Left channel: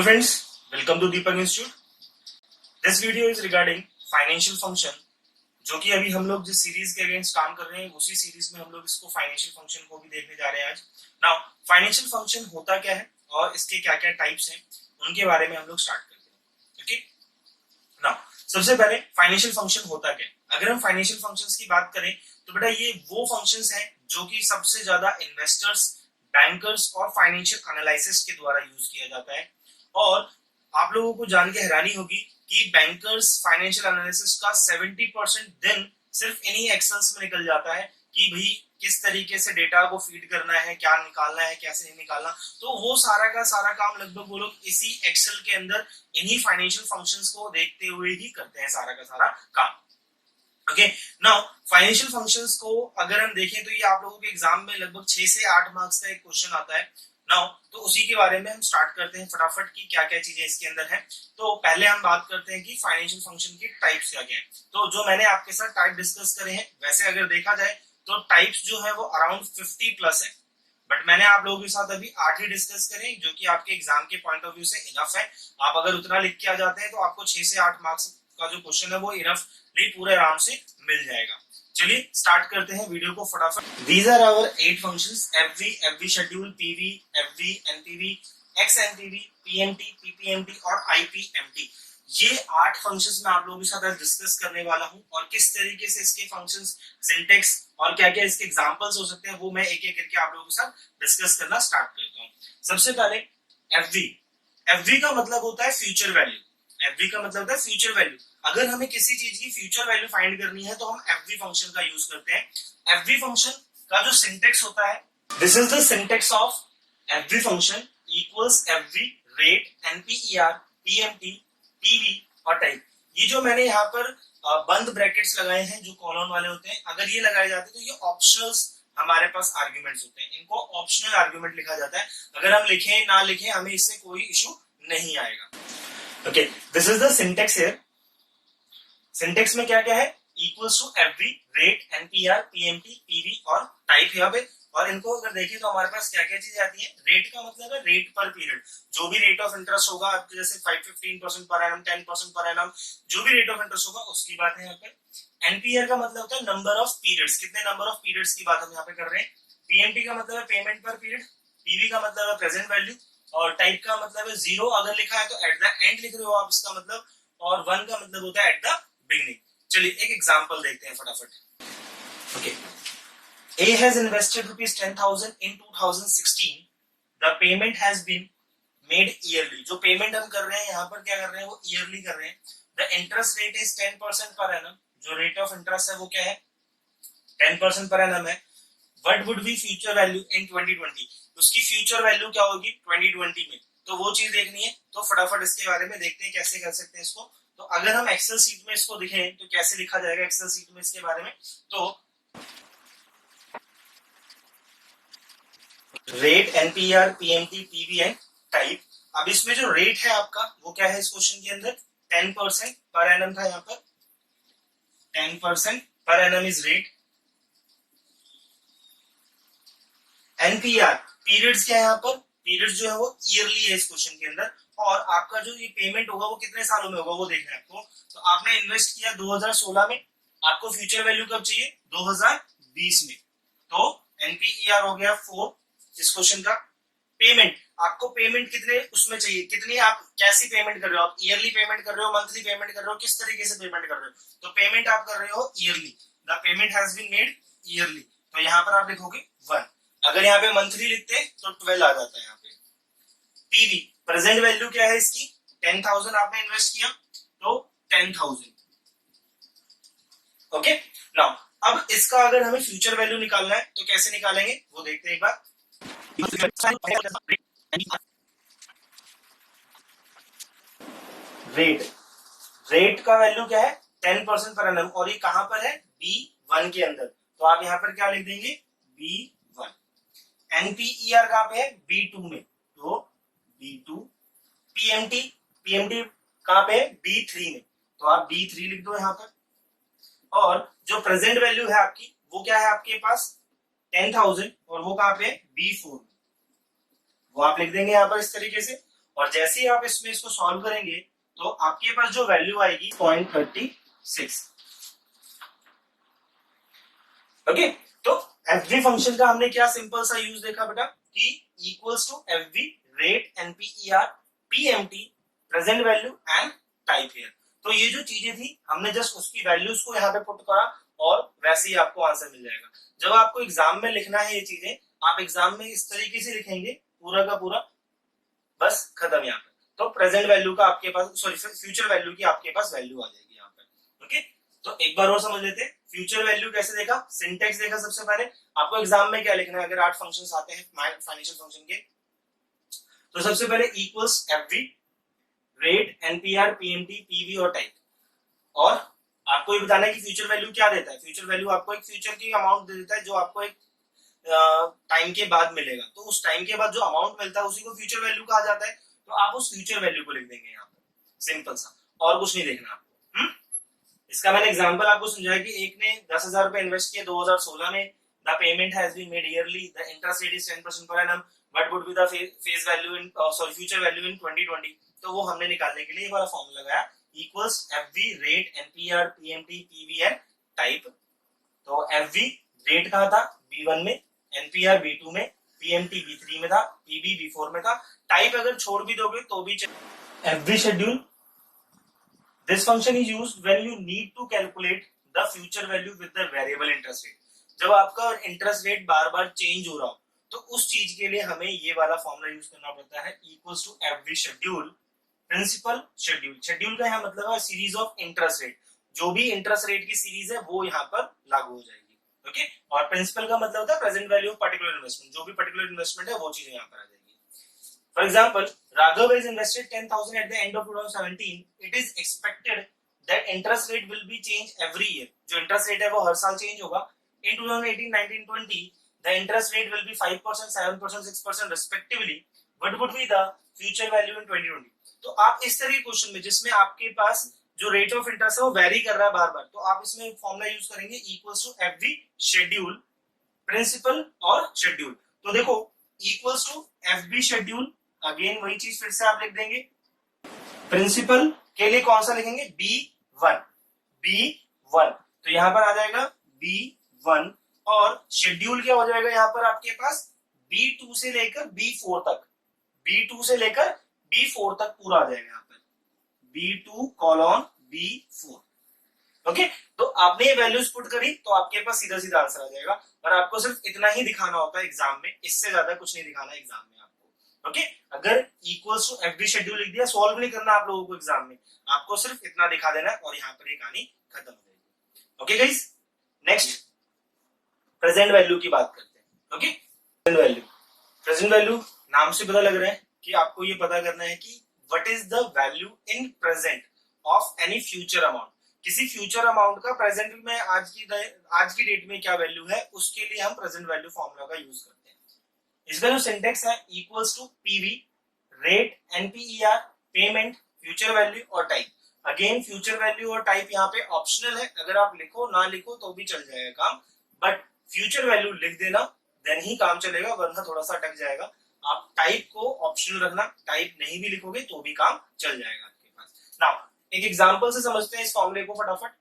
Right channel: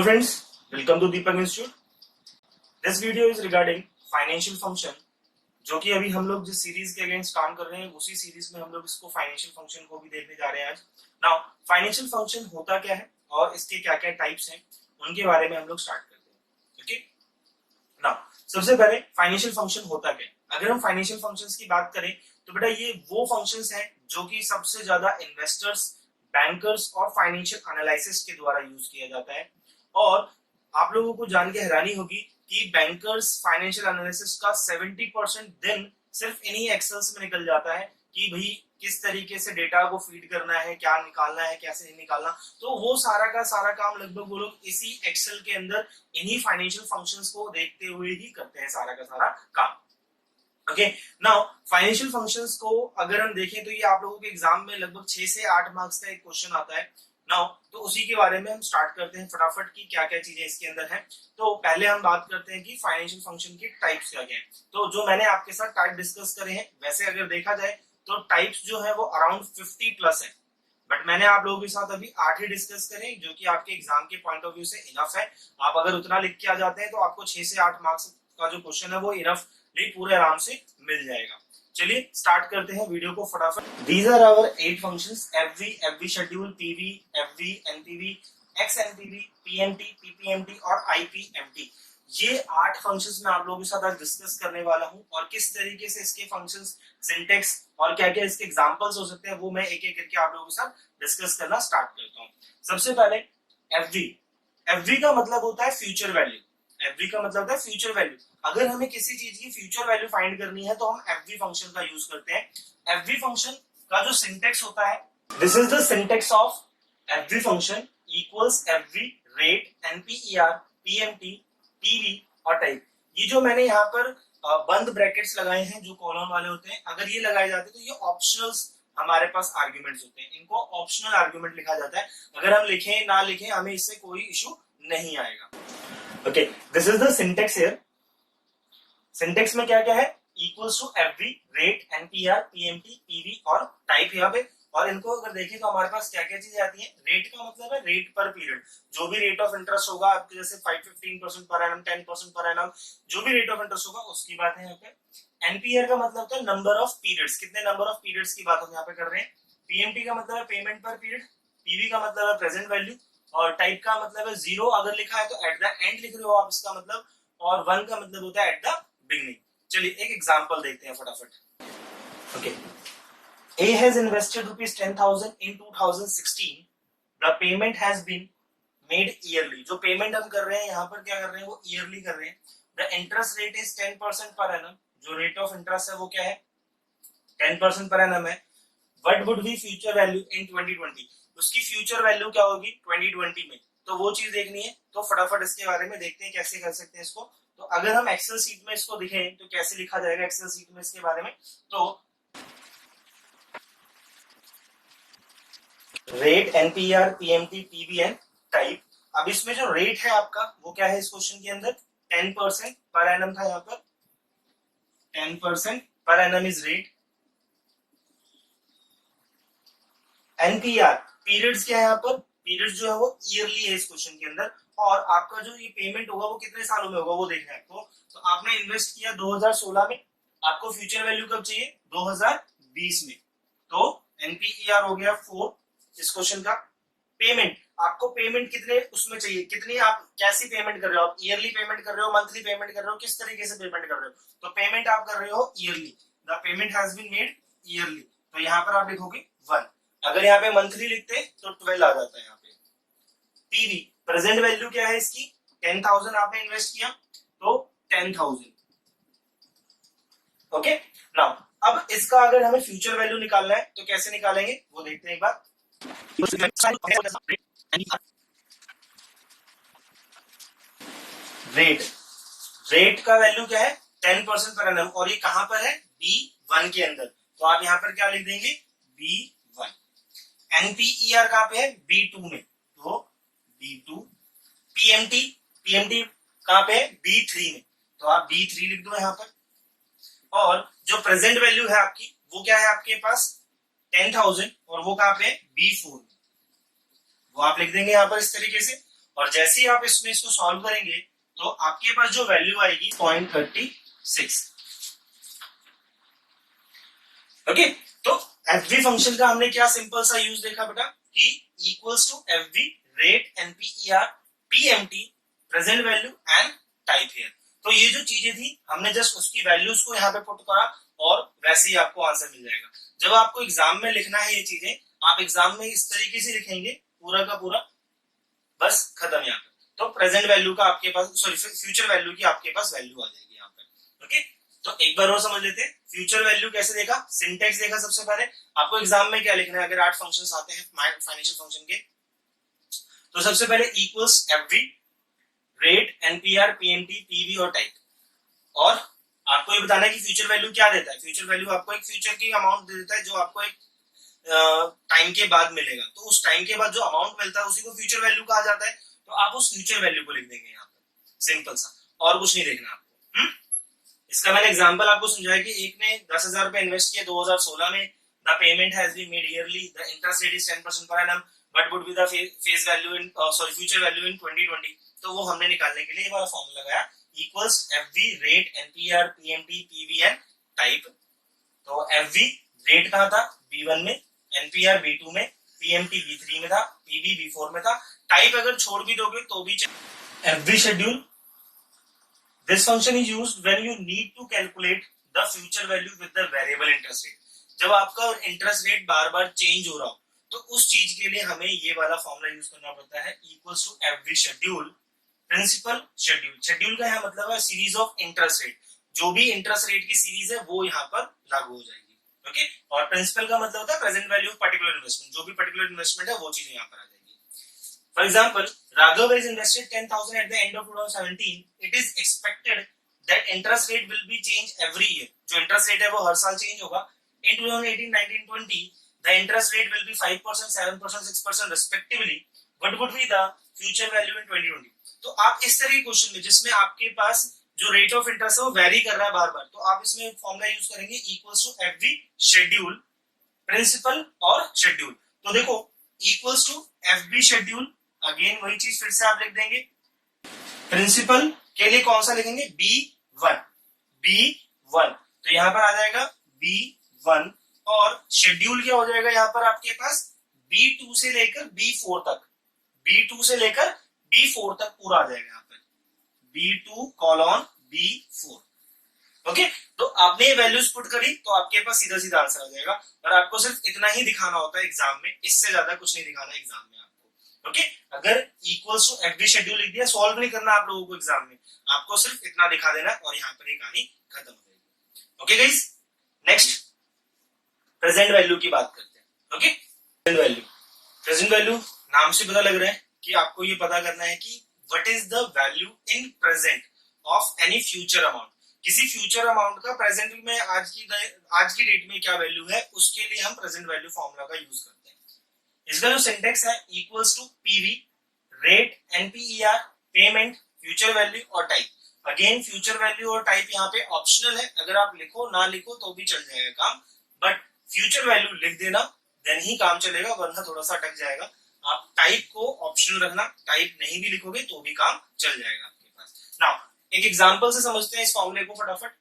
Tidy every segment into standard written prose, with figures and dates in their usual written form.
Hello friends, welcome to Deepak Institute. This video is regarding financial function, जो कि अभी हम लोग जिस सीरीज के अगेंस्ट काम कर रहे हैं उसी सीरीज में हम लोग इसको फाइनेंशियल फंक्शन को भी देखने जा रहे हैं आज. नाउ फाइनेंशियल फंक्शन होता क्या है और इसके क्या क्या टाइप्स हैं उनके बारे में हम लोग स्टार्ट करते हैं. ओके, नाउ सबसे पहले फाइनेंशियल फंक्शन होता क्या है. अगर हम फाइनेंशियल फंक्शंस की बात करें तो बेटा ये वो फंक्शंस हैं जो कि सबसे ज्यादा इन्वेस्टर्स, बैंकर्स और फाइनेंशियल एनालिसिस्ट के द्वारा यूज किया जाता है. और आप लोगों को जान के हैरानी होगी कि बैंकर्स, फाइनेंशियल एनालिसिस्ट का 70% दिन सिर्फ इन्हीं एक्सेल्स में निकल जाता है कि भाई किस तरीके से डेटा को फीड करना है, क्या निकालना है, कैसे नहीं निकालना. तो वो सारा का सारा काम लगभग वो लोग इसी एक्सेल के अंदर इन्हीं फाइनेंशियल फंक्शंस को देखते हुए ही करते हैं सारा का सारा काम. ओके, नाउ फाइनेंशियल फंक्शंस को अगर हम देखें तो ये आप लोगों के एग्जाम में लगभग 6 से 8 मार्क्स का एक क्वेश्चन आता है. नाउ तो उसी के बारे में हम स्टार्ट करते हैं फटाफट की क्या क्या चीजें इसके अंदर हैं. तो पहले हम बात करते हैं कि फाइनेंशियल फंक्शन के टाइप्स क्या क्या हैं. तो जो मैंने आपके साथ टाइप डिस्कस करे हैं वैसे अगर देखा जाए तो टाइप्स जो है वो अराउंड 50 प्लस है, बट मैंने आप लोगों के साथ अभी 8 ही डिस्कस करे जो कि आपके एग्जाम के पॉइंट ऑफ व्यू से इनफ है. आप अगर उतना लिख के आ जाते हैं तो आपको 6 से 8 मार्क्स का जो क्वेश्चन है वो इनफली पूरे आराम से मिल जाएगा. चलिए स्टार्ट करते हैं वीडियो को फटाफट. These are our 8 functions: FV schedule, PV, FV, NPV, XNPV, PMT, PPMT और IPMT. ये 8 फंक्शंस मैं आप लोगों के साथ आज डिस्कस करने वाला हूं और किस तरीके से इसके फंक्शंस, सिंटेक्स और क्या क्या इसके एग्जांपल्स हो सकते हैं वो मैं एक एक करके आप लोगों के साथ डिस्कस करना स्टार्ट करता हूं. सबसे पहले FV. FV का मतलब होता है फ्यूचर वैल्यू. FV का मतलब होता है फ्यूचर वैल्यू. अगर हमें किसी चीज की फ्यूचर वैल्यू फाइंड करनी है तो हम FV फंक्शन का यूज करते हैं. FV फंक्शन का जो सिंटेक्स होता है, this is the syntax of FV function equals FV rate, NPER, PMT, PV और टाइप. ये जो मैंने यहाँ पर बंद ब्रैकेट्स लगाए हैं जो कॉलम वाले होते हैं, अगर ये लगाए जाते तो ये ऑप्शनल्स हमारे पास आर्ग्यूमेंट्स होते हैं. इनको ऑप्शनल आर्ग्यूमेंट लिखा जाता है. अगर हम लिखें ना लिखें हमें इससे कोई इशू नहीं आएगा. Okay, this is the syntax here. Syntax में क्या क्या है? Equals to FV rate, NPR, PMT, PV और टाइप यहाँ पे. और इनको अगर देखें तो हमारे पास क्या क्या चीजें आती हैं. रेट का मतलब है रेट पर पीरियड. जो भी रेट ऑफ इंटरेस्ट होगा आपके जैसे 5-15% पर एनम, 10% पर एनम, जो भी रेट ऑफ इंटरेस्ट होगा उसकी बात है यहाँ पे. NPR का मतलब होता है नंबर ऑफ पीरियड्स, कितने नंबर ऑफ पीरियड्स की बात हम यहाँ पे कर रहे हैं. PMT का मतलब है पेमेंट पर पीरियड. PV का मतलब है प्रेजेंट वैल्यू. और टाइप का मतलब है जीरो अगर लिखा है तो एट द एंड लिख रहे हो आप इसका मतलब. और 1 का मतलब होता है एट द बिगनिंग. चलिए एक एग्जांपल देखते हैं फटाफट. Okay, A has invested rupees 10,000 in 2016. The payment has been made yearly. जो पेमेंट हम कर रहे हैं यहाँ पर क्या कर रहे हैं वो ईयरली कर रहे हैं. The interest rate is 10% per annum. जो रेट ऑफ इंटरेस्ट है वो क्या है 10% पर एनम है. What would be future value in 2020? उसकी फ्यूचर वैल्यू क्या होगी 2020 में. तो वो चीज देखनी है तो फटाफट इसके बारे में देखते हैं कैसे कर सकते हैं इसको. तो अगर हम एक्सेल सीट में इसको दिखें तो कैसे लिखा जाएगा एक्सेल सीट में इसके बारे में. तो rate, NPR, PMT, PV and type. अब इसमें जो रेट है आपका वो क्या है इस क्वेश्चन के अंदर 10% पर एनम था यहाँ पर. 10% per annum is rate. NPR periods क्या है यहाँ पर, पीरियड्स जो है वो ईयरली है इस क्वेश्चन के अंदर. और आपका जो ये पेमेंट होगा वो कितने सालों में होगा वो देखना है आपको. तो आपने इन्वेस्ट किया 2016 में, आपको फ्यूचर वैल्यू कब चाहिए 2020 में. तो NPER हो गया 4 इस क्वेश्चन का. पेमेंट, आपको पेमेंट कितने उसमें चाहिए, कितनी आप कैसी पेमेंट कर रहे हो, आप ईयरली पेमेंट कर रहे हो, मंथली पेमेंट कर रहे हो, किस तरीके से पेमेंट कर रहे हो. तो पेमेंट आप कर रहे हो yearly. The payment has been made yearly. तो यहाँ पर आप लिखोगे 1. अगर यहाँ पे मंथली लिखते तो 12 आ जाता है यहाँ पे. PV प्रेजेंट वैल्यू क्या है इसकी 10,000 आपने इन्वेस्ट किया तो 10,000. ओके, नाउ अब इसका अगर हमें फ्यूचर वैल्यू निकालना है तो कैसे निकालेंगे वो देखते हैं एक बार. रेट, रेट का वैल्यू क्या है 10% पर एनम और ये कहां पर है B1 के अंदर. तो आप यहां पर क्या लिख देंगे B1. NPER कहां पे है B2 में तो B2. PMT, PMT कहां पे है B3 में तो आप B3 लिख दो यहां पर. और जो प्रेजेंट वैल्यू है आपकी वो क्या है आपके पास 10,000 और वो कहां पे B4 में, वो आप लिख देंगे यहां पर इस तरीके से. और जैसे ही आप इसमें इसको सॉल्व करेंगे तो आपके पास जो वैल्यू आएगी 0.36। ओके, तो एफवी फंक्शन का हमने क्या सिंपल सा यूज देखा बेटा कि equals to FV rate NPER PMT present value and type here. तो ये जो चीजें थी हमने जस्ट उसकी वैल्यूज को यहाँ पे पुट करा और वैसे ही आपको आंसर मिल जाएगा। जब आपको एग्जाम में लिखना है ये चीजें, आप एग्जाम में इस तरीके से लिखेंगे पूरा का पूरा, बस खत्म यहाँ पे। तो प्रेजेंट वैल्यू का आपके पास, सॉरी फ्यूचर वैल्यू की आपके पास वैल्यू आ जाएगी यहाँ पे। ओके, तो एक बार और समझ लेते हैं फ्यूचर वैल्यू कैसे देखा, सिंटेक्स देखा। सबसे पहले आपको एग्जाम में क्या लिखना है, अगर 8 फंक्शंस आते हैं फाइनेंशियल फंक्शन के, तो सबसे पहले equals FV rate NPR PMT PV और टाइप। और आपको ये बताना है कि फ्यूचर वैल्यू क्या देता है। फ्यूचर वैल्यू आपको एक फ्यूचर की अमाउंट दे देता है जो आपको एक टाइम के बाद मिलेगा। तो उस टाइम के बाद जो अमाउंट मिलता है उसी को फ्यूचर वैल्यू कहा जाता है। तो आप उस फ्यूचर वैल्यू को लिख देंगे यहाँ पर, सिंपल सा, और कुछ नहीं देखना आपको। इसका मैंने एग्जांपल आपको समझाया कि एक ने 10,000 रुपए इन्वेस्ट किए 2016 में, the payment has been made yearly, the interest rate is 10% per annum, what would be the face value in sorry future value in 2020। तो वो हमने निकालने के लिए ये वाला फॉर्मूला लगाया, equals FV rate NPR PMT PV and type. तो एफवी रेट कहां था, B1 में, एनपीआर B2 में, पीएमटी B3 में था, पीवी B4 में था। टाइप अगर छोड़ भी दोगे तो भी FV schedule. This function is used when you need to calculate the future value with the variable interest rate. जब आपका इंटरेस्ट रेट बार बार चेंज हो रहा हो तो उस चीज के लिए हमें ये वाला फॉर्मूला यूज करना पड़ता है, equals to FV schedule principal schedule. Schedule का यहाँ मतलब है सीरीज ऑफ इंटरेस्ट रेट, जो भी इंटरेस्ट रेट की सीरीज है वो यहाँ पर लागू हो जाएगी। ओके, और प्रिंसिपल का मतलब होता है present value of particular investment, जो भी पर्टिकुलर इन्वेस्टमेंट है वो चीज यहाँ पर आ जाएगी। For example, Raghav has invested 10,000 at the end of 2017. It is expected that interest rate will be changed every year. जो interest rate है वो हर साल change होगा। In 2018, 19, 20, the interest rate will be 5%, 7%, 6% respectively. What would be the future value in 2020? तो आप इस तरह के क्वेश्चन में जिसमें आपके पास जो रेट ऑफ इंटरेस्ट है वो वेरी कर रहा है बार बार, तो आप इसमें फॉर्मूला यूज करेंगे equals to FV schedule principal और शेड्यूल। तो देखो equals to FV schedule, again वही चीज फिर से आप लिख देंगे। प्रिंसिपल के लिए कौन सा लिखेंगे, B1, B1, तो यहां पर आ जाएगा B1। और शेड्यूल क्या हो जाएगा यहाँ पर आपके पास, B2 से लेकर B4 तक, B2 से लेकर B4 तक पूरा आ जाएगा यहाँ पर, B2 B4। ओके, तो आपने ये वैल्यूज पुट करी तो आपके पास सीधा सीधा आंसर आ जाएगा। पर आपको सिर्फ इतना ही दिखाना होता है एग्जाम में, इससे ज्यादा कुछ नहीं दिखाना एग्जाम में आपको। ओके, अगर इक्वल्स टू एफवी शेड्यूल लिख दिया, सॉल्व नहीं करना आप लोगों को एग्जाम में, आपको सिर्फ इतना दिखा देना और यहाँ पर ये कहानी खत्म हो जाएगी। Okay guys, next present value की बात करते हैं। Okay, present value, present value नाम से पता लग रहा है कि आपको ये पता करना है कि what is the value in present of any future amount. किसी फ्यूचर अमाउंट का प्रेजेंट में आज की डेट में क्या वैल्यू है, उसके लिए हम प्रेजेंट वैल्यू फॉर्मूला का यूज करते हैं। इसका जो सिंटेक्स है equals to PV rate NPER payment future value और टाइप। अगेन फ्यूचर वैल्यू और टाइप यहाँ पे ऑप्शनल है, अगर आप लिखो ना लिखो तो भी चल जाएगा काम, बट फ्यूचर वैल्यू लिख देना देन ही काम चलेगा, वरना थोड़ा सा अटक जाएगा। आप टाइप को ऑप्शनल रखना, टाइप नहीं भी लिखोगे तो भी काम चल जाएगा आपके पास। नाउ एक एग्जांपल से समझते हैं इस फॉर्मूले को फटाफट।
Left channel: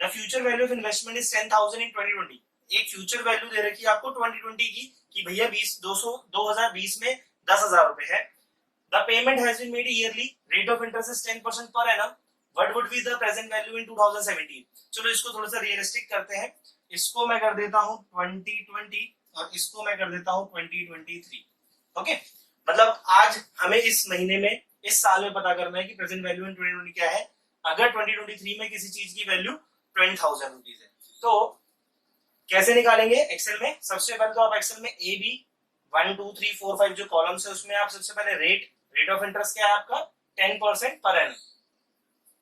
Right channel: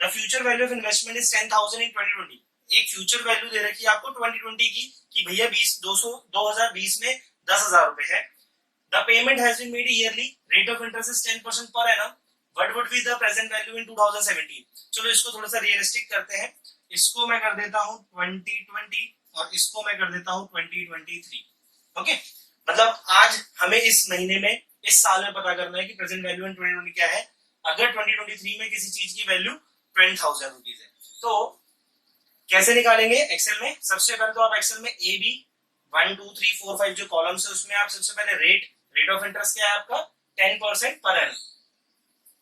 The future value of investment is 10,000 इन 2020। एक फ्यूचर वैल्यू दे रखी है आपको 2020 की कि भैया 2020 में 10,000 रुपए है। The payment has been made yearly, rate of interest is 10% per annum, what would be the present value in 2017। चलो इसको थोड़ा सा रियलिस्टिक करते हैं, इसको मैं कर देता हूं 2020 और इसको मैं कर देता हूं 2023। ओके, मतलब आज हमें इस महीने में, इस साल में पता करना है कि प्रेजेंट वैल्यू इन 2020 क्या है। अगर 2023 में किसी चीज की वैल्यू 20,000 रुपीज है तो कैसे निकालेंगे एक्सेल में। सबसे पहले तो आप एक्सेल में ए बी 1 2 3 4 5 जो कॉलम्स है उसमें आप सबसे पहले रेट ऑफ इंटरेस्ट क्या है आपका 10% per annum,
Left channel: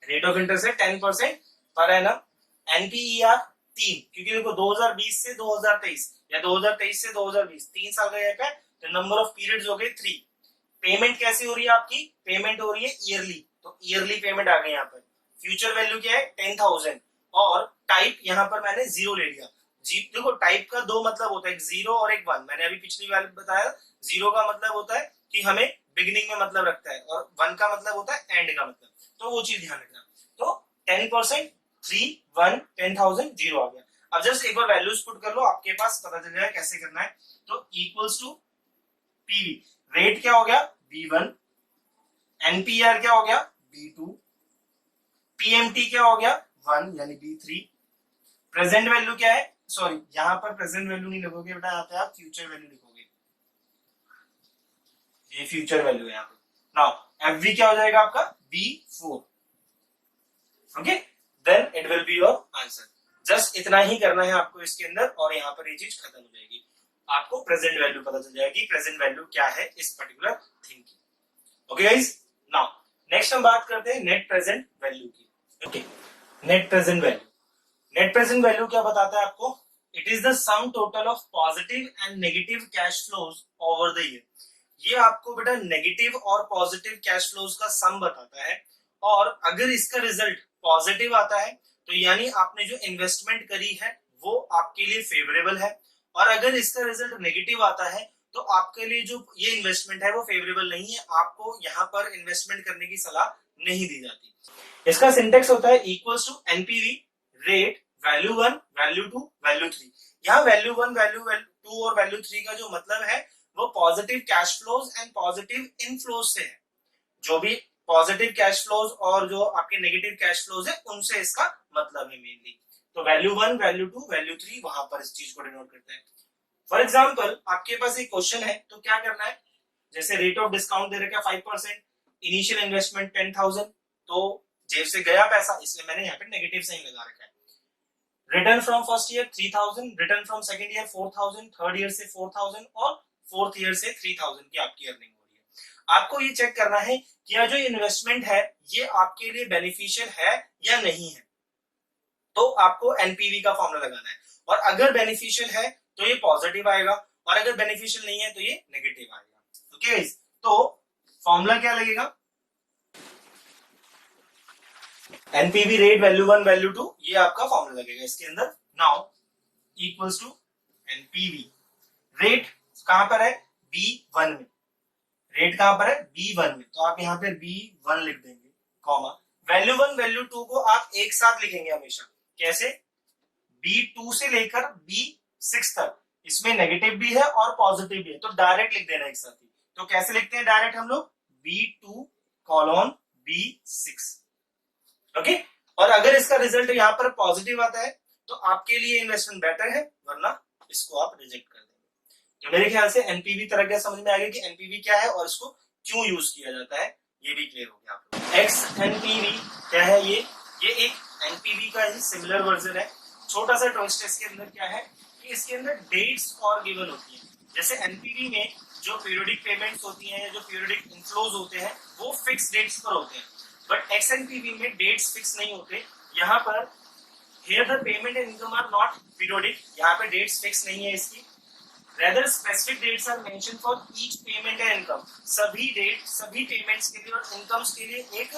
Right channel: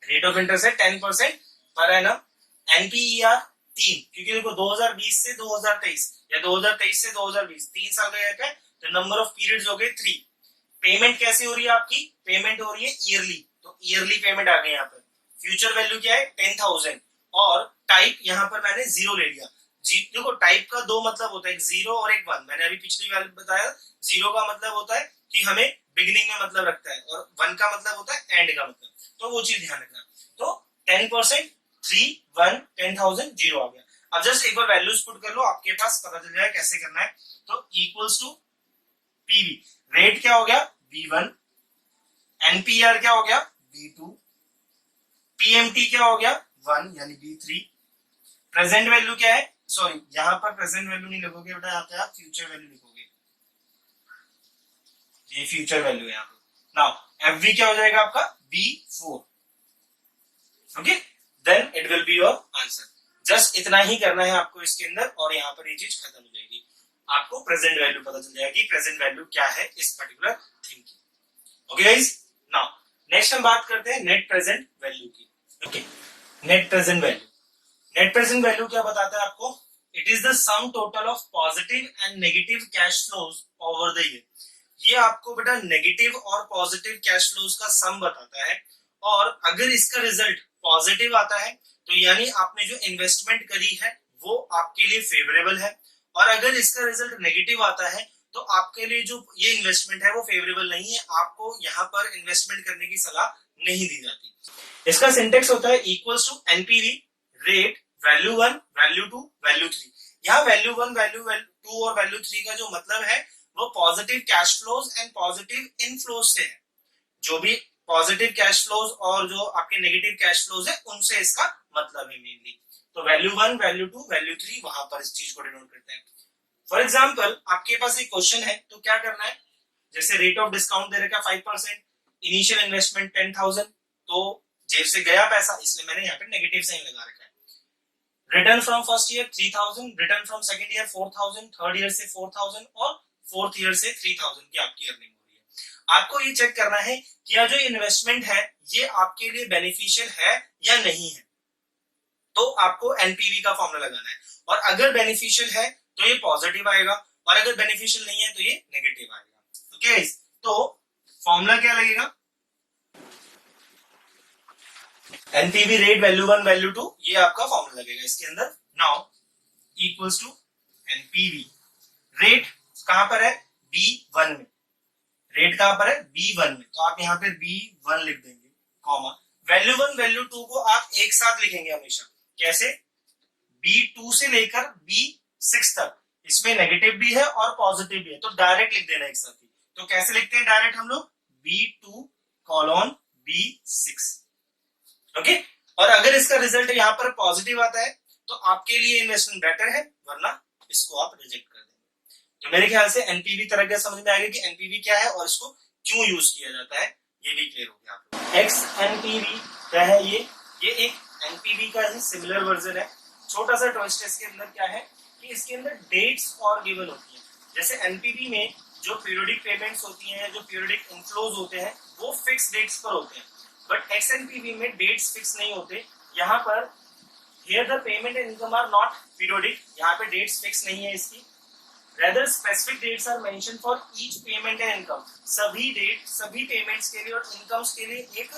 rate of interest है 10% पर एनम। एनपीईआर 3, क्योंकि देखो 2020 से 2023 या 2023 से 2020 3 साल का गैप है, तो नंबर ऑफ पीरियड्स हो गए 3। पेमेंट कैसे हो रही है आपकी, पेमेंट हो रही है ईयरली, तो ईयरली पेमेंट आ गई यहाँ पर। फ्यूचर वैल्यू क्या है 10,000 और टाइप यहाँ पर मैंने 0 ले लिया। देखो टाइप का दो मतलब होता है, एक 0 और एक 1। मैंने अभी पिछली बार बताया 0 का मतलब होता है कि हमें बिगिनिंग में मतलब रखता है और 1 का मतलब होता है एंड का मतलब, तो वो चीज ध्यान रखना। तो 10%, 3, 1, 10,000, 0 आ गया। अब जस्ट एक बार वैल्यूज पुट कर लो, आपके पास पता चल जाए कैसे करना है। तो इक्वल्स टू पीवी, रेट क्या हो गया V1, एनपीआर क्या हो गया B2, पीएमटी क्या हो गया 1 यानी B3, प्रेजेंट वैल्यू क्या है, सॉरी यहाँ पर प्रेजेंट वैल्यू नहीं लिखोगे बेटा, यहाँ पे आप फ्यूचर वैल्यू लिखोगे, ये फ्यूचर वैल्यू है यहाँ पे। नाउ एफवी क्या हो जाएगा आपका B4, okay, then it will be your answer. Just इतना ही करना है आपको इसके अंदर और यहाँ पर ये चीज खत्म हो जाएगी, आपको प्रेजेंट वैल्यू पता चल जाएगी, प्रेजेंट वैल्यू क्या है इस पर्टिकुलर थिंग की। ओके गाइस, नाउ नेक्स्ट हम बात करते हैं नेट प्रेजेंट वैल्यू की। Okay, net present value, net present value क्या बताता है आपको, it is the sum total of positive and negative cash flows over the year. ये आपको बेटा नेगेटिव और पॉजिटिव कैश फ्लोज का सम बताता है, और अगर इसका रिजल्ट पॉजिटिव आता है तो यानी आपने जो इन्वेस्टमेंट करी है वो आपके लिए फेवरेबल है, और अगर इसका रिजल्ट नेगेटिव आता है तो आपके लिए जो ये इन्वेस्टमेंट है वो फेवरेबल नहीं है, आपको यहाँ पर इन्वेस्टमेंट करने की सलाह नहीं दी जाती। इसका सिंटेक्स होता है equals to NPV, rate, value 1, value 2, value 3। यहाँ वैल्यू 1, वैल्यू 2 और वैल्यू 3 का जो मतलब है वो positive cash flows and positive inflows से है। जो भी पॉजिटिव कैश फ्लोज और जो आपके नेगेटिव कैश फ्लोज है उनसे इसका मतलब है मेनली। तो वैल्यू 1, वैल्यू 2, वैल्यू 3 वहां पर इस चीज को डिनोट करते हैं। फॉर एग्जाम्पल आपके पास एक क्वेश्चन है तो क्या करना है, जैसे रेट ऑफ डिस्काउंट दे रखा है 5%, इनिशियल इन्वेस्टमेंट 10,000, तो जेब से गया पैसा इसलिए मैंने यहाँ पे नेगेटिव साइन लगा रखा है। Return from first year 3,000, return from second year 4,000, third year से 4,000 और फोर्थ ईयर से 3,000 की आपकी अर्निंग हो रही है। आपको ये चेक करना है कि यह जो इन्वेस्टमेंट है ये आपके लिए बेनिफिशियल है या नहीं है, तो आपको एनपीवी का फॉर्मूला लगाना है, और अगर बेनिफिशियल है तो ये पॉजिटिव आएगा और अगर बेनिफिशियल नहीं है तो ये नेगेटिव आएगा। ओके, तो फॉर्मूला क्या लगेगा, एनपीवी, रेट, वैल्यू 1, वैल्यू 2, ये आपका फॉर्मूला लगेगा इसके अंदर। Now equals to NPV, rate कहां पर है B1 में, रेट कहां पर है B1 में, तो आप यहाँ पे B1 लिख देंगे, कॉमा वैल्यू 1, वैल्यू 2 को आप एक साथ लिखेंगे हमेशा, कैसे, B2 से लेकर B6 तक, इसमें नेगेटिव भी है और पॉजिटिव भी है तो डायरेक्ट लिख देना एक साथ ही। तो कैसे लिखते हैं डायरेक्ट हम लोग, B2 कॉलन B6, ओके। और अगर इसका रिजल्ट यहाँ पर पॉजिटिव आता है तो आपके लिए इन्वेस्टमेंट बेटर है, वरना इसको आप रिजेक्ट कर देंगे। तो मेरे ख्याल से एनपीवी तरह का समझ में आ गया कि एनपीवी क्या है और इसको क्यों यूज किया जाता है, ये भी क्लियर हो गया आपको। एक्स एनपीवी क्या है, ये एक एनपीवी का ही सिमिलर वर्जन है। छोटा सा ट्विस्ट इसके अंदर क्या है कि इसके अंदर डेट्स और गिवन होती है। जैसे एनपीवी में जो पीरियोडिक पेमेंट्स होती हैं, जो पीरियोडिक इनफ्लोज होते हैं वो फिक्स डेट्स पर होते हैं, बट एक्सएनपीवी में डेट्स फिक्स नहीं होते। यहाँ पर here the payment and income are not periodic, यहाँ पे डेट्स फिक्स नहीं है इसकी, rather specific dates are mention for each payment and income. सभी डेट, सभी पेमेंट्स के लिए और इनकम्स के लिए एक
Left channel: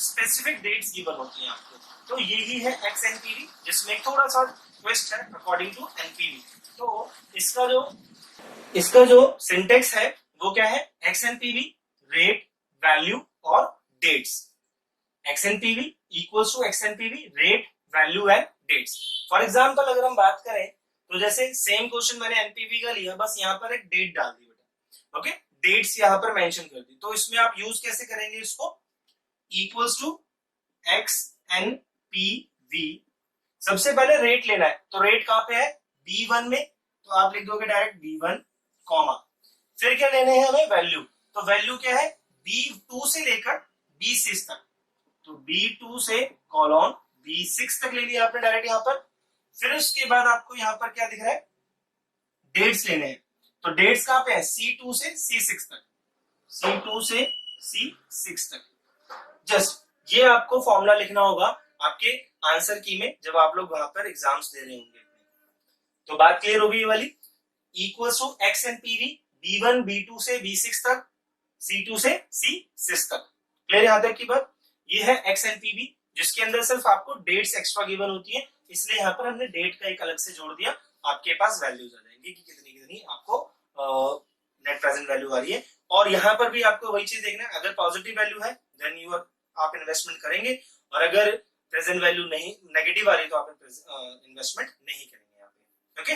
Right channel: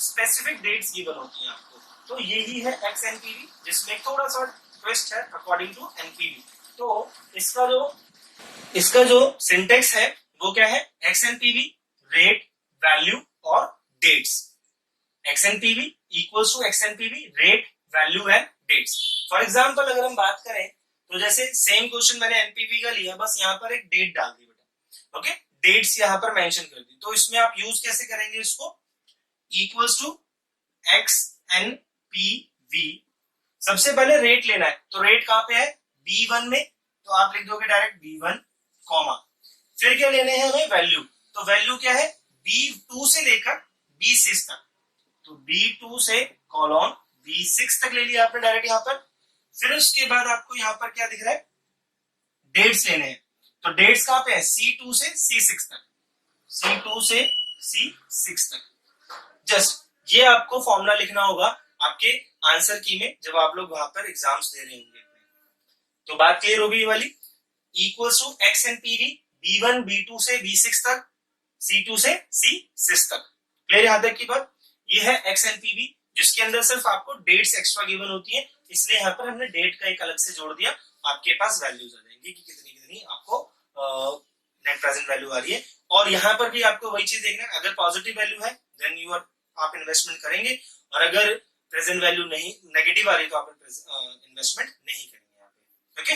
स्पेसिफिक डेट्स गिवन होती हैं आपको। तो यही है एक्सएनपीवी, जिसमें थोड़ा सा ट्विस्ट है अकॉर्डिंग टू एनपीवी। तो इसका जो सिंटेक्स है वो क्या है, एक्सएनपीवी, रेट, वैल्यू और dates. XNPV equals to XNPV, rate, value and dates. For example अगर हम बात करें तो जैसे सेम क्वेश्चन मैंने एनपीवी का लिया, बस यहाँ पर एक डेट डाल दी बेटा, ओके, डेट्स यहाँ पर मेंशन कर दी। तो इसमें आप यूज कैसे करेंगे इसको, इक्वल्स टू एक्सएनपीवी, सबसे पहले रेट लेना है, तो रेट कहां पे है B1 में, तो आप लिख दोगे डायरेक्ट B1, कॉमा फिर क्या लेने हैं हमें, वैल्यू, तो वैल्यू क्या है B2 से लेकर B6 तक, तो B2 से कॉलन B6 तक ले लिया आपने डायरेक्ट यहाँ पर। फिर उसके बाद आपको यहाँ पर क्या दिख रहा है, डेट्स लेने हैं, तो डेट्स कहां पे है C2 से C6 तक, C2 से C6 तक। जस्ट ये आपको फॉर्मूला लिखना होगा आपके आंसर की में जब आप लोग वहां पर एग्जाम्स दे रहे होंगे। तो बात क्लियर होगी ये वाली, equals to X and PV, B1 B2 से B6 तक, C2 से C6 तक। क्लियर यहां तक की बात, ये है एक्स एंड पीवी, जिसके अंदर सिर्फ आपको डेट्स एक्स्ट्रा गिवन होती है, इसलिए यहाँ पर हमने डेट का एक अलग से जोड़ दिया, आपके पास वैल्यूज आ जाएंगी कि कितनी कितनी आपको नेट प्रेजेंट वैल्यू आ रही है। और यहाँ पर भी आपको वही चीज देखना है, अगर पॉजिटिव वैल्यू है देन आप इन्वेस्टमेंट करेंगे, और अगर प्रेजेंट वैल्यू नहीं नेगेटिव आ रही तो आप इन्वेस्टमेंट नहीं करेंगे यहाँ पे। ओके,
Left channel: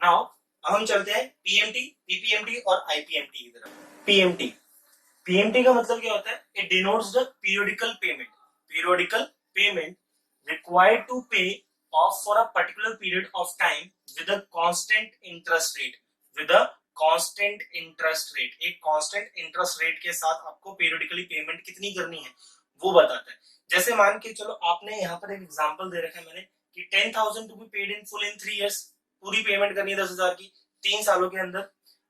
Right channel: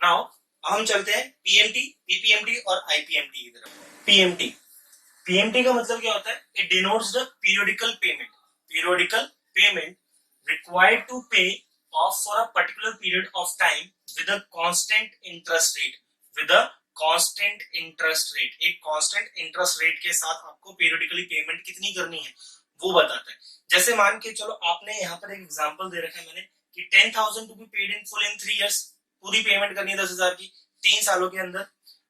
नाउ हम चलते हैं पीएमटी, पीपीएमटी और आईपीएमटी की तरफ। पीएमटी, पीएमटी का मतलब क्या होता है? It denotes the periodical payment, periodical payment required to pay off for a particular period of time with a constant interest rate, with a constant interest rate, एक constant interest rate के साथ आपको periodically payment कितनी करनी है वो बताता है। जैसे मान के चलो आपने यहाँ पर एक एग्जांपल दे रखा है मैंने कि 10,000 to be paid in full in 3 years, पूरी पेमेंट करनी है 10,000 की 3 सालों के अंदर।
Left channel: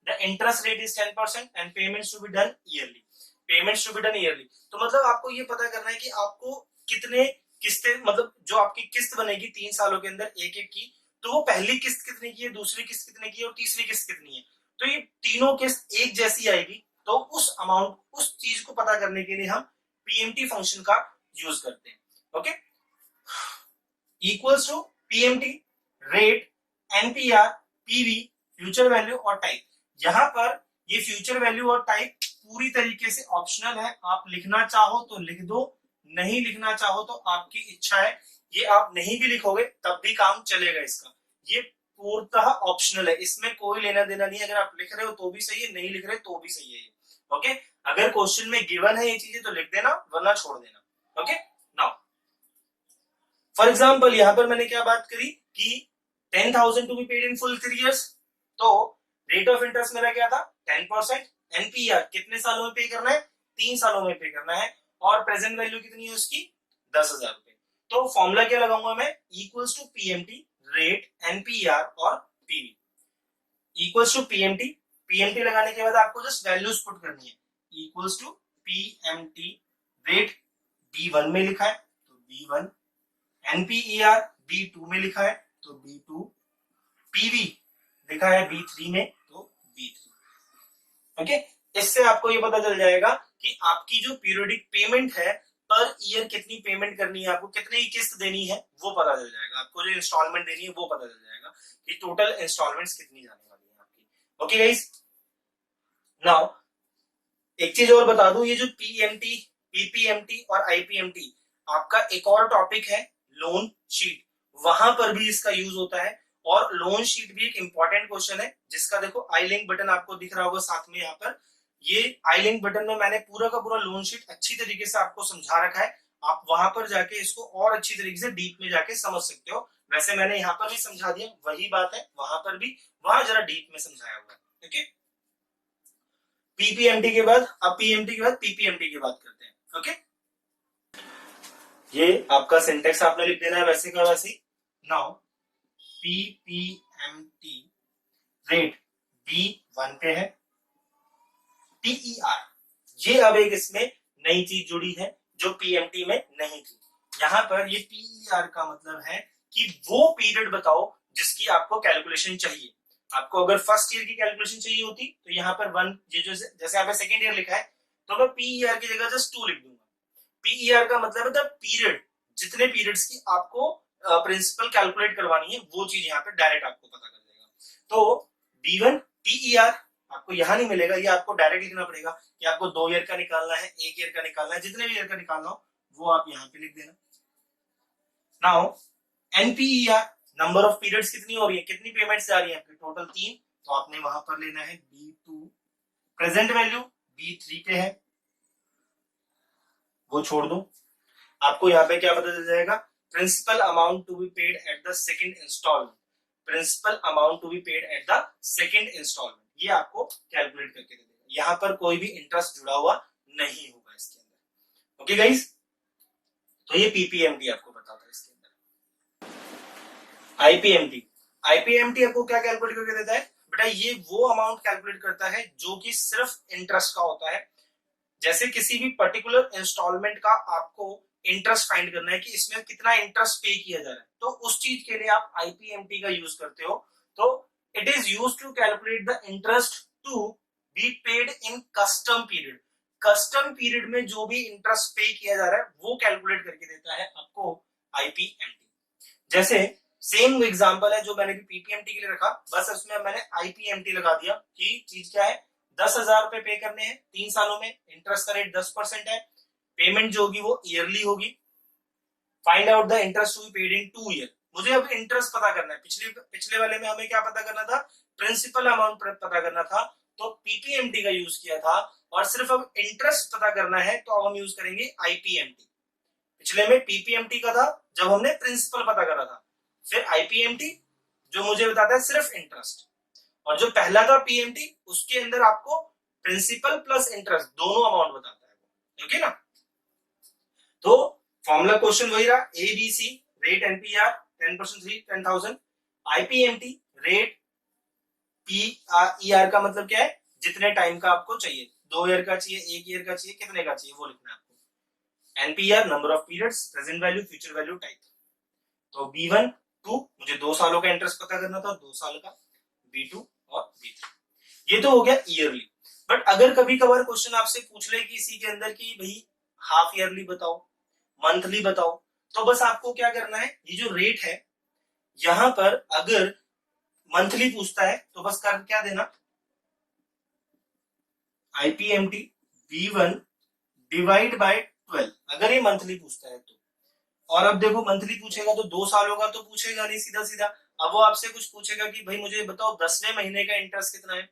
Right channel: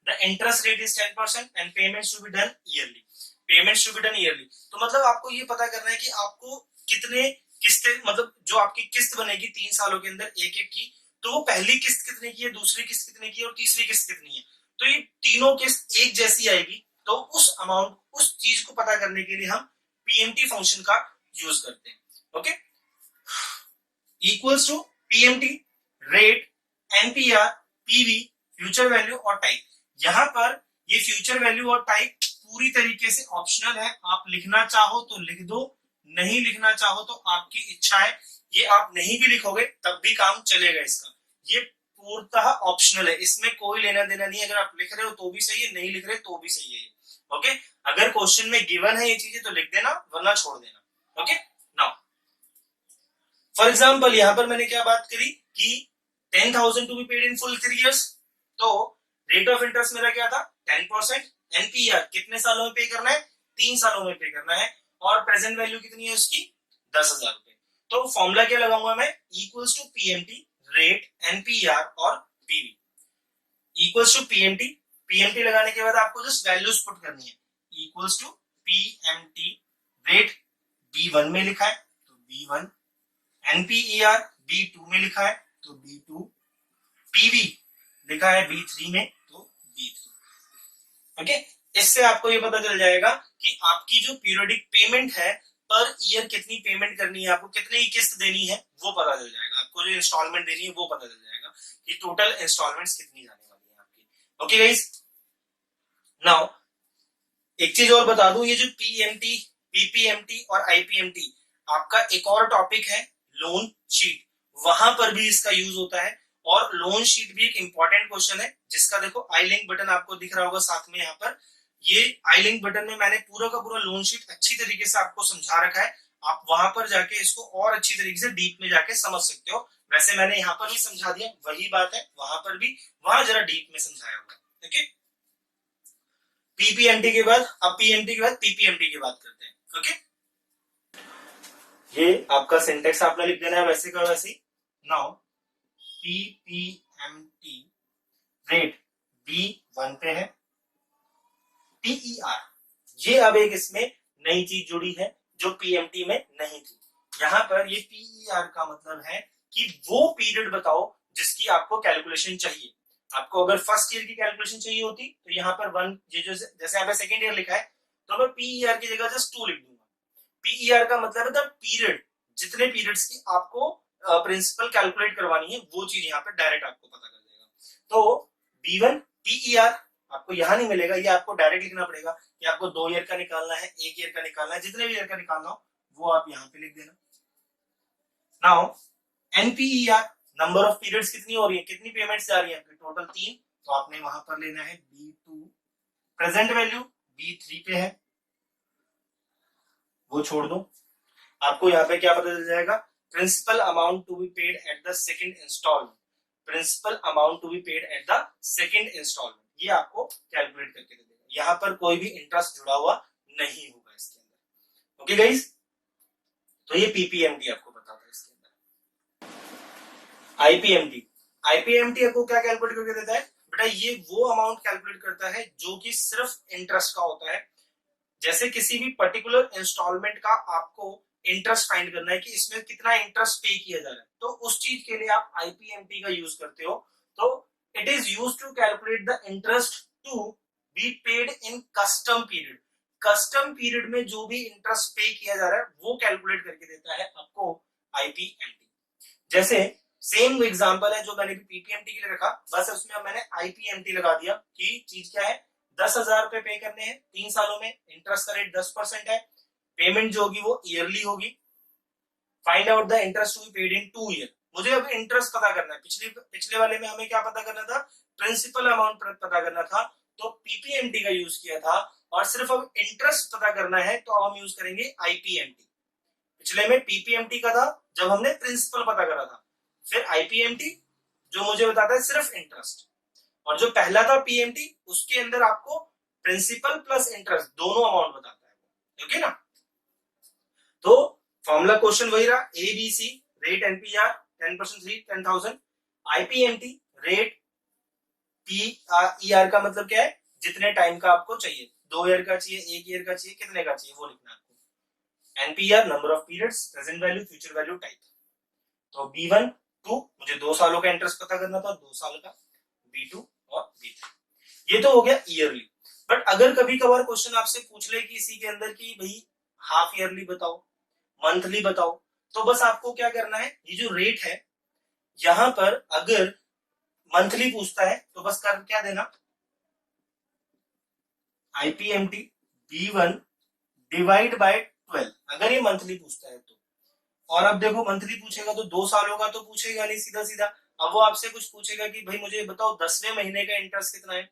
The interest rate is 10% and payments to be done yearly, payments to be done yearly. तो मतलब आपको ये पता करना है कि आपको कितने किस्तें, मतलब जो आपकी किस्त बनेगी 3 सालों के अंदर एक एक की, तो वो पहली किस्त कितने की है, दूसरी किस्त कितने की है और तीसरी किस्त कितनी है। तो ये तीनों किस्त एक जैसी आएगी, तो उस अमाउंट, उस चीज को पता करने के लिए हम पीएमटी फंक्शन का यूज करते हैं। Okay, equals to PMT rate, NPR, PV, future value और टाइप। यहां पर ये फ्यूचर वैल्यू और टाइप पूरी तरीके से ऑप्शनल है, आप लिखना चाहो तो लिख दो, नहीं लिखना चाहो तो आपकी इच्छा है। ये आप नहीं भी लिखोगे तब भी काम चलेगा इसका, ये पूर्णतः ऑप्शनल है, इसमें कोई लेना देना नहीं है। अगर आप लिख रहे हो तो भी सही है, नहीं लिख रहे तो भी सही है। ओके, अगर क्वेश्चन में गिवन है ये चीजें तो लिख देना, वरना छोड़ देना। ओके, नाउ फॉर एग्जाम्पल यहाँ पर मैंने क्या बात करी कि 10,000 to be paid in full 3 years, तो रेट ऑफ इंटरेस्ट मेरा क्या था 10%, एनपीआर कितने सालों में पे करना है 3 सालों में पे करना है, और प्रेजेंट वैल्यू कितनी है उसकी 10,000 रुपए। तो फॉर्मूला क्या लगाऊंगा मैं, equals to PMT rate NPER और PV, equals to PMT, PMT लगाने के बाद आपको जस्ट वैल्यूज पुट करनी है, equals to PMT rate B1 में लिखा है तो B1, एनपीईआर B2 में लिखा है तो B2, पीवी लिखा है B3 में तो B3। ओके, इससे आपको ये पता चल जाएगा कि आपकी जो पीरियोडिक पेमेंट है पर ईयर कितनी पेमेंट करनी है, आपको कितनी किस्त देनी है वो पता चल जाएगा, आपको जो इंस्टॉलमेंट देनी है वो पता चल जाएगा कि टोटल इंस्टॉलमेंट्स कितनी जाने वाली है आपकी। ओके गाइस, नाउ एक चीज और बता दूं, ये जो पीएमटी, पीपीएमटी और आईपीएमटी, आपका एक और टॉपिक है लोन शीट, वहां पर भी इसका यूज होता है। और लोन शीट भी एक इंपॉर्टेंट क्वेश्चन है जिसका देखो आई लिंक बटन आपको दिख रहा होगा साथ में, यहाँ पर ये आई लिंक बटन में मैंने पूरा का पूरा लोन शीट अच्छी तरीके से आपको समझा रखा है, आप वहां पर जाके इसको और अच्छी तरीके से डीप में जाके समझ सकते हो। वैसे मैंने यहाँ पर भी समझा दिया, वही बात है वहां पर भी, वहां जरा डीप में समझाया होगा। ओके, पीपीएमटी के बाद, अब पीएमटी के बाद पीपीएमटी की बात करते हैं। ओके, ये आपका सिंटेक्स आपने लिख देना है वैसे का वैसे। नाउ पीपीएमटी रेट B1 पे है, पीईआर, ये अब एक इसमें नई चीज जुड़ी है जो पीएमटी में नहीं थी। यहां पर ये पीईआर का मतलब है कि वो पीरियड बताओ जिसकी आपको कैलकुलेशन चाहिए। आपको अगर फर्स्ट ईयर की कैलकुलेशन चाहिए होती तो यहाँ पर 1, ये जो जैसे आपने सेकेंड ईयर लिखा है तो मैं पीईआर की जगह जस्ट 2 लिख दूंगा। पीईआर का मतलब है द पीरियड, जितने पीरियड्स की आपको प्रिंसिपल कैलकुलेट करवानी है वो चीज यहाँ पे डायरेक्ट आपको पता कर देगा। तो B1 पीईआर आपको यहाँ नहीं मिलेगा, ये आपको डायरेक्ट लिखना पड़ेगा कि आपको 2 ईयर का निकालना है, 1 ईयर का निकालना है, जितने भी ईयर का निकालना हो वो आप यहाँ पे लिख देना। नाउ एनपीईआर, नंबर ऑफ पीरियड्स कितनी हो रही है, कितनी पेमेंट्स जा रही है आपकी, टोटल 3, तो आपने वहां पर लेना है B2, प्रेजेंट वैल्यू B3 पे है वो छोड़ दो, आपको यहाँ पे क्या पता चल जाएगा, principal amount to be paid at the second instalment, principal amount to be paid at the second instalment, ये आपको कैलकुलेट करके दे देगा। यहाँ पर कोई भी इंटरेस्ट जुड़ा हुआ नहीं होगा इसके अंदर। ओके गाइस, तो ये पीपीएमटी आपको बताता है। इसके अंदर आईपीएमटी, आईपीएमटी आपको क्या कैलकुलेट करके देता है बेटा, ये वो अमाउंट कैलकुलेट करता है जो कि सिर्फ इंटरेस्ट का होता है। जैसे किसी भी पर्टिकुलर इंस्टॉलमेंट का आपको इंटरेस्ट फाइंड करना है कि इसमें कितना इंटरेस्ट पे किया जा रहा है, तो उस चीज के लिए आप आईपीएमटी का यूज करते हो। तो it is used to calculate the interest to be paid in custom period, custom period में जो भी इंटरेस्ट पे किया जा रहा है वो कैलकुलेट करके देता है आपको आईपीएमटी। जैसे सेम एग्जांपल है जो मैंने पीपीएमटी के लिए रखा, बस उसमें मैंने आईपीएमटी लगा दिया कि चीज क्या है, 10,000 रुपए पे करने हैं 3 सालों में, इंटरेस्ट का रेट 10% है, पेमेंट जो होगी वो ईयरली होगी। Find out the interest to be paid in 2 year. मुझे अब इंटरेस्ट पता करना है। पिछले वाले में हमें क्या पता करना था, प्रिंसिपल अमाउंट पता करना था, तो पीपीएमटी का यूज किया था, और सिर्फ अब इंटरेस्ट पता करना है तो अब हम यूज करेंगे आईपीएमटी। पिछले में पीपीएमटी का था जब हमने प्रिंसिपल पता करा था, फिर आईपीएमटी जो मुझे बताता है सिर्फ इंटरेस्ट, और जो पहला था पीएमटी उसके अंदर आपको प्रिंसिपल प्लस इंटरेस्ट दोनों अमाउंट बताता है। ओके ना, तो फॉर्मूला क्वेश्चन वही रहा, ABC rate NPR 10% 10,000, IPMT rate PER का मतलब क्या है, जितने टाइम का आपको चाहिए, 2 ईयर का चाहिए, 1 ईयर का चाहिए, कितने का चाहिए वो लिखना है आपको। NPR number of periods, present value, future value, type. तो B1 2 मुझे 2 सालों का इंटरेस्ट पता करना था, 2 साल का, B2 और B3। ये तो हो गया ईयरली। बट अगर कभी कभार क्वेश्चन आपसे पूछ ले कि इसी के अंदर की भाई हाफ ईयरली बताओ, मंथली बताओ, तो बस आपको क्या करना है, ये जो रेट है यहां पर अगर मंथली पूछता है तो बस कर क्या देना, आईपीएमटी B1 डिवाइड बाय 12, अगर ये मंथली पूछता है तो। और अब देखो मंथली पूछेगा तो 2 सालों का तो पूछेगा नहीं सीधा सीधा, अब वो आपसे कुछ पूछेगा कि भाई मुझे बताओ 10वें महीने का इंटरेस्ट कितना है,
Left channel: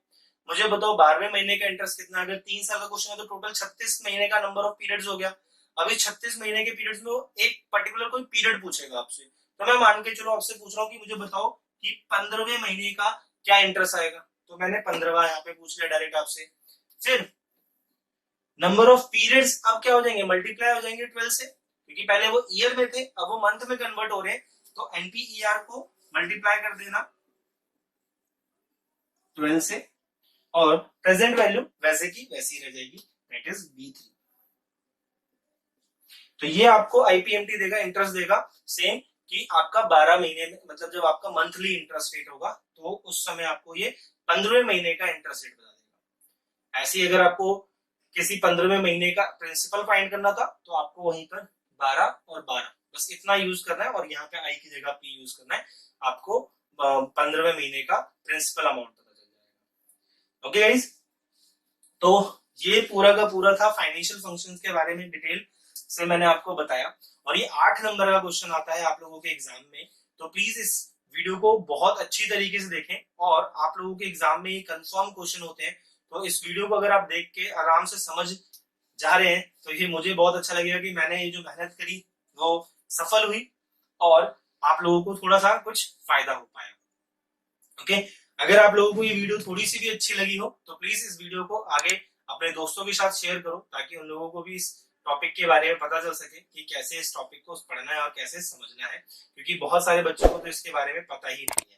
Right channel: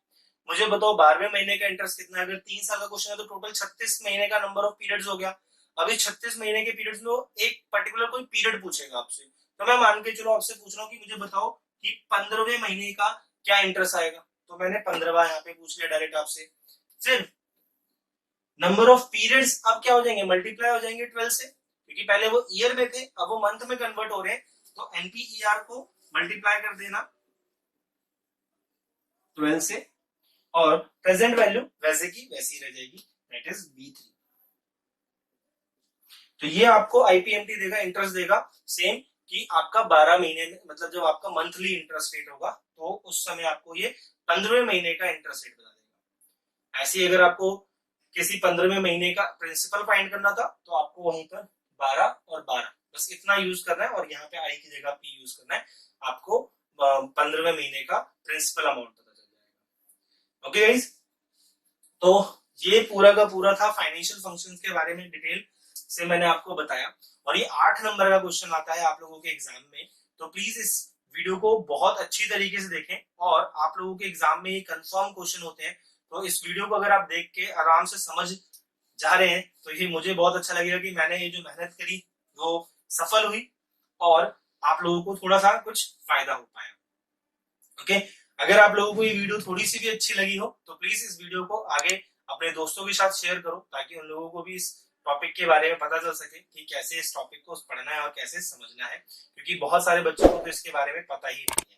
मुझे बताओ 12वें महीने का इंटरेस्ट कितना है। अगर 3 साल का क्वेश्चन है तो टोटल 36 महीने का नंबर ऑफ पीरियड्स हो गया। अब इस 36 महीने के पीरियड्स में एक पर्टिकुलर कोई पीरियड पूछेगा आपसे, तो मैं मान के चलो आपसे पूछ रहा हूँ कि मुझे बताओ कि 15वें महीने का क्या इंटरेस्ट आएगा, तो मैंने 15वां यहाँ पे पूछ लिया डायरेक्ट आपसे। फिर नंबर ऑफ पीरियड्स अब क्या हो जाएंगे, मल्टीप्लाई हो जाएंगे 12 से, क्योंकि पहले वो ईयर में थे अब वो मंथ में कन्वर्ट हो रहे हैं, तो एनपीईआर को मल्टीप्लाई कर देना 12 से, और प्रेजेंट वैल्यू वैसे की वैसी रह जाएगी, दैट इज B3। तो ये आपको आईपीएमटी देगा, इंटरेस्ट देगा सेम कि आपका 12 महीने में, मतलब जब आपका मंथली इंटरेस्ट रेट होगा तो उस समय आपको ये 15वें महीने का इंटरेस्ट रेट बता देगा। ऐसे ही अगर आपको किसी 15वें महीने का प्रिंसिपल फाइंड करना था तो आपको वहीं पर 12 और 12 बस इतना यूज करना है, और यहाँ पे आई की जगह पी यूज करना है, आपको 15वें महीने का प्रिंसिपल अमाउंट पता चल जाएगा। ओके गाइस, तो ये पूरा का पूरा था फाइनेंशियल फंक्शंस के बारे में, डिटेल से मैंने आपको बताया, और ये 8 नंबर का क्वेश्चन आता है आप लोगों के एग्जाम में। तो प्लीज इस वीडियो को बहुत अच्छी तरीके से देखें, और आप लोगों के एग्जाम में ये कंफर्म क्वेश्चन होते हैं, तो इस वीडियो को अगर आप देख के आराम से समझ जा रहे हैं तो ये मुझे बहुत अच्छा लगेगा कि मैंने ये जो मेहनत करी वो सफल हुई, और आप लोगों को थोड़ा सा कुछ फायदा हो पाया। ओके, अगर आप लोगों को ये वीडियो थोड़ी सी भी अच्छी लगी हो तो प्लीज इस वीडियो को आगे अपने दोस्तों के साथ शेयर करो, ताकि उन लोगों को भी इस टॉपिक के बारे में पता चल सके कि कैसे इस टॉपिक को पढ़ना है और कैसे समझना है, क्योंकि बहुत सारे बच्चों को तो इसके बारे में पता ही नहीं है।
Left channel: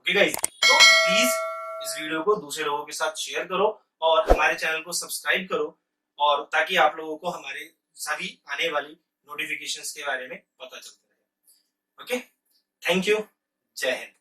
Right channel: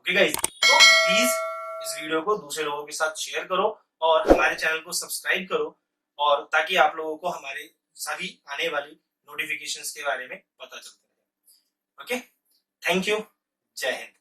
ओके गाइस, तो प्लीज इस वीडियो को दूसरे लोगों के साथ शेयर करो, और हमारे चैनल को सब्सक्राइब करो, और ताकि आप लोगों को हमारे सभी आने वाली नोटिफिकेशंस के बारे में पता चलता रहे। ओके, थैंक यू, जय हिंद।